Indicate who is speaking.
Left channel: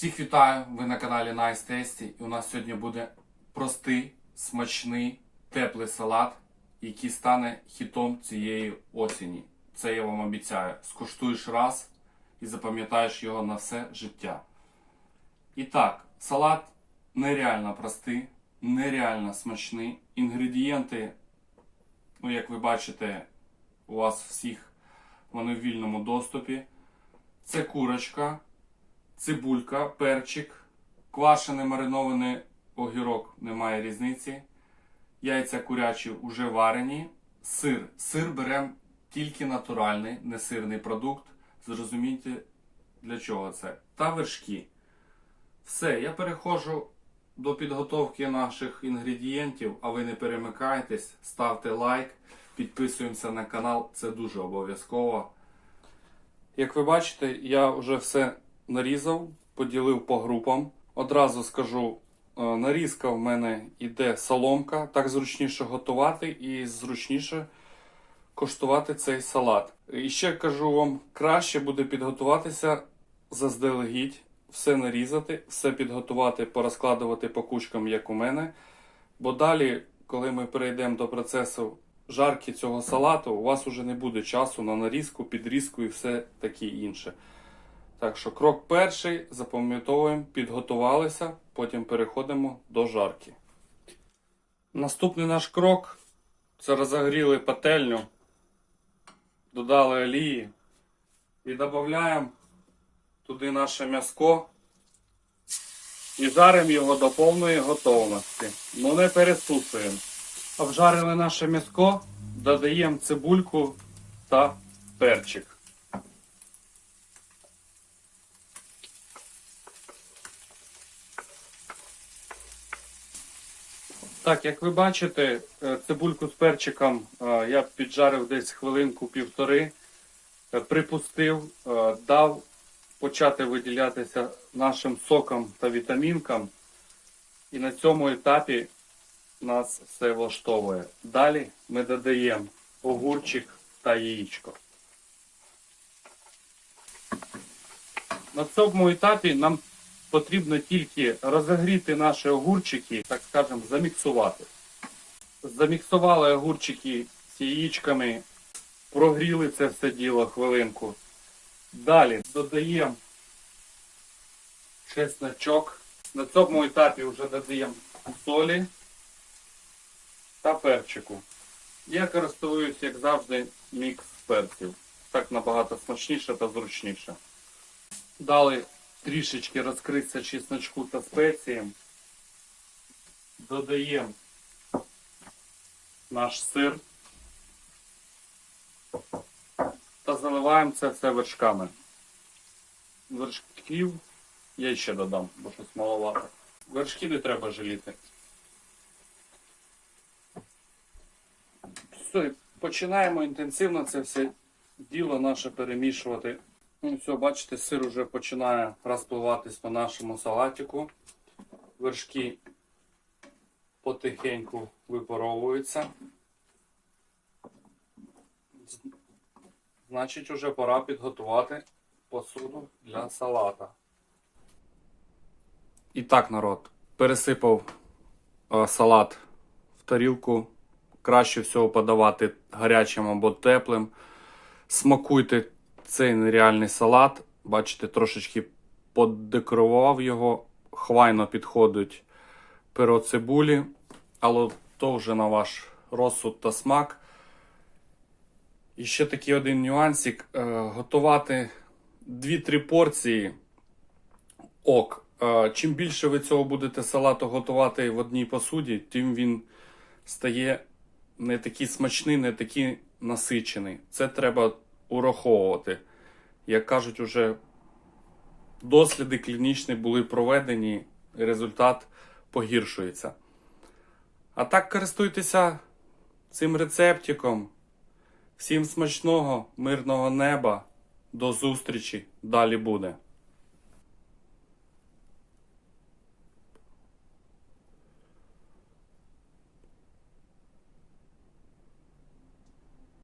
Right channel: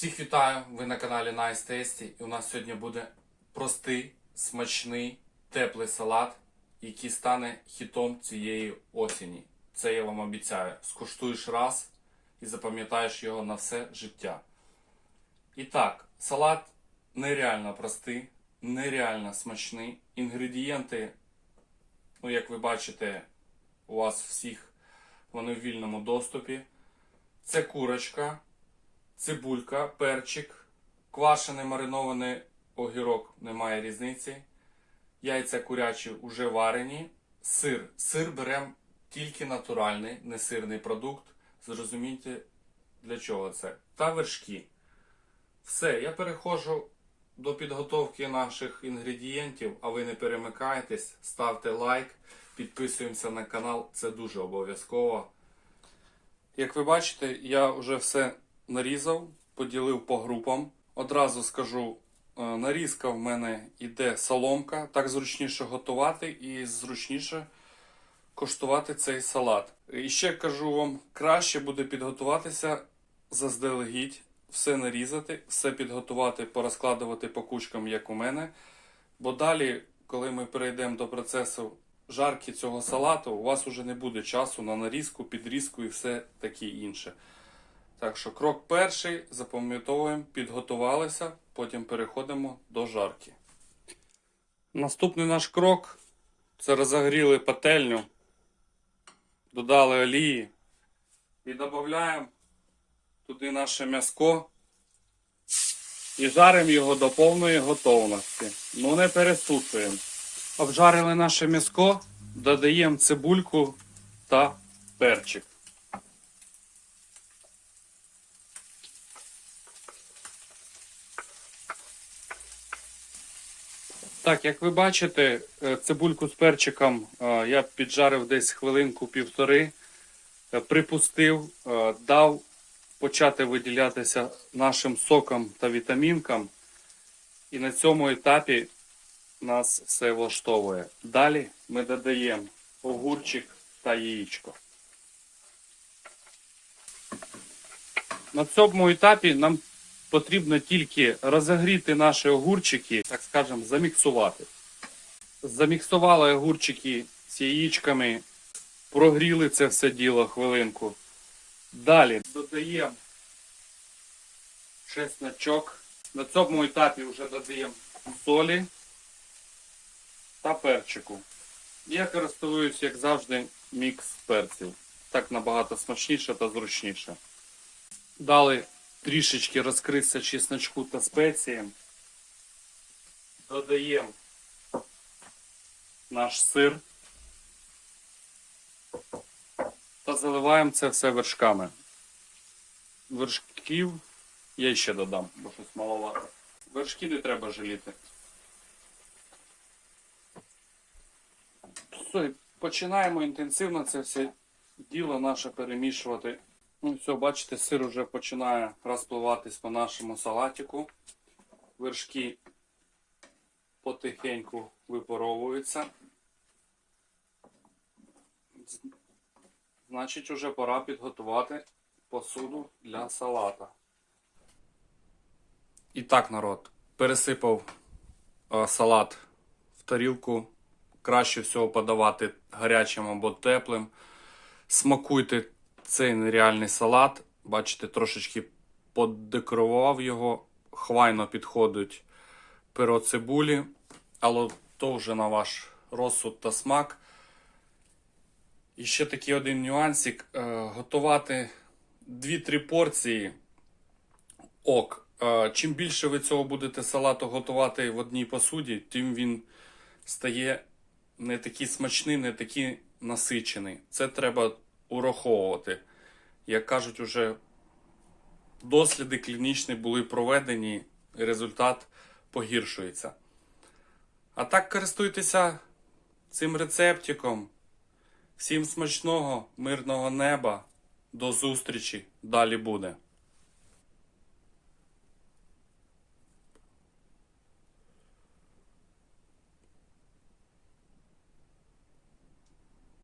Speaker 1: Всіх вітаю! Ви на каналі Nice Tasty. І у нас сьогодні буде простий, смачний, теплий салат, який стане хітом цієї осені. Це я вам обіцяю. Скуштуєш раз і запам'ятаєш його на все життя. І так, салат нереально простий, нереально смачний. Інгредієнти, ну як ви бачите, у вас всіх вони в вільному доступі. Це курочка, цибулька, перчик, квашений маринований огірок, немає різниці. Яйця курячі вже варені. Сир. Сир беремо тільки натуральний, не сирний продукт. Зрозумійте, для чого це. Та вершки. Все, я переходжу до підготовки наших інгредієнтів, а ви не перемикайтесь, ставте лайк, підписуємося на канал, це дуже обов'язково. Як ви бачите, я вже все нарізав, поділив по групам. Одразу скажу, е, нарізка в мене йде соломка, так зручніше готувати і зручніше коштувати цей салат. І ще кажу вам, краще буде підготуватися заздалегідь, все нарізати, все підготувати, порозкладувати по кучкам, як у мене. Бо далі, коли ми перейдемо до процесу жарки цього салату, у вас уже не буде часу на нарізку, підрізку і все таке інше. Так що крок перший, запам'ятовуємо, підготувалися, потім переходимо до жарки. Наступний наш крок це розогріли пательню, додали олії і додаємо туди наше м'яско і жаримо його до повної готовності. Ну не пересушуємо. Обжарили наше м'яско, додаємо цибульку та перчик. Так, як ви бачите, е, цибульку з перчиком е, я піджарив десь хвилинку півтори, е, припустив, дав почати виділятися нашим соком та вітамінкам. І на цьому етапі нас все влаштовує. Далі ми додаємо огурчик та яєчко. На цьому етапі нам потрібно тільки розігріти наші огурчики, так скажемо, заміксувати. Заміксували огурчики з яєчками, прогріли це все діло хвилинку. Далі додаємо чесночок. На цьому етапі вже додаємо солі та перчику. Я користуюсь, як завжди, мікс перців. Так набагато смачніше та зручніше. Дали трішечки розкритися чесночку та спеціям. Додаємо наш сир та заливаємо це все вершками. Вершків я ще додам, бо щось маловато. Вершки не треба жаліти. Починаємо інтенсивно це все діло наше перемішувати. Ну, все, бачите, сир вже починає розпливатись по нашому салатику. Вершки потихеньку випаровуються. Значить, вже пора підготувати посуду для салата. І так, народ, пересипав е, салат в тарілку. Краще всього подавати гарячим або теплим. Смакуйте цей нереальний салат. Бачите, трошечки подекорував його. Хвайно підходить перо цибулі, але то вже на ваш розсуд та смак. І ще такий один нюансик. Е, готувати 2-3 порції ок. Е, чим більше ви цього будете салату готувати в одній посуді, тим він стає не такий смачний, не такий насичений. Це треба ураховувати. Як кажуть, уже досліди клінічні були проведені, результат погіршується. А так користуйтеся цим рецептиком. Всім смачного, мирного неба. До зустрічі. Далі буде.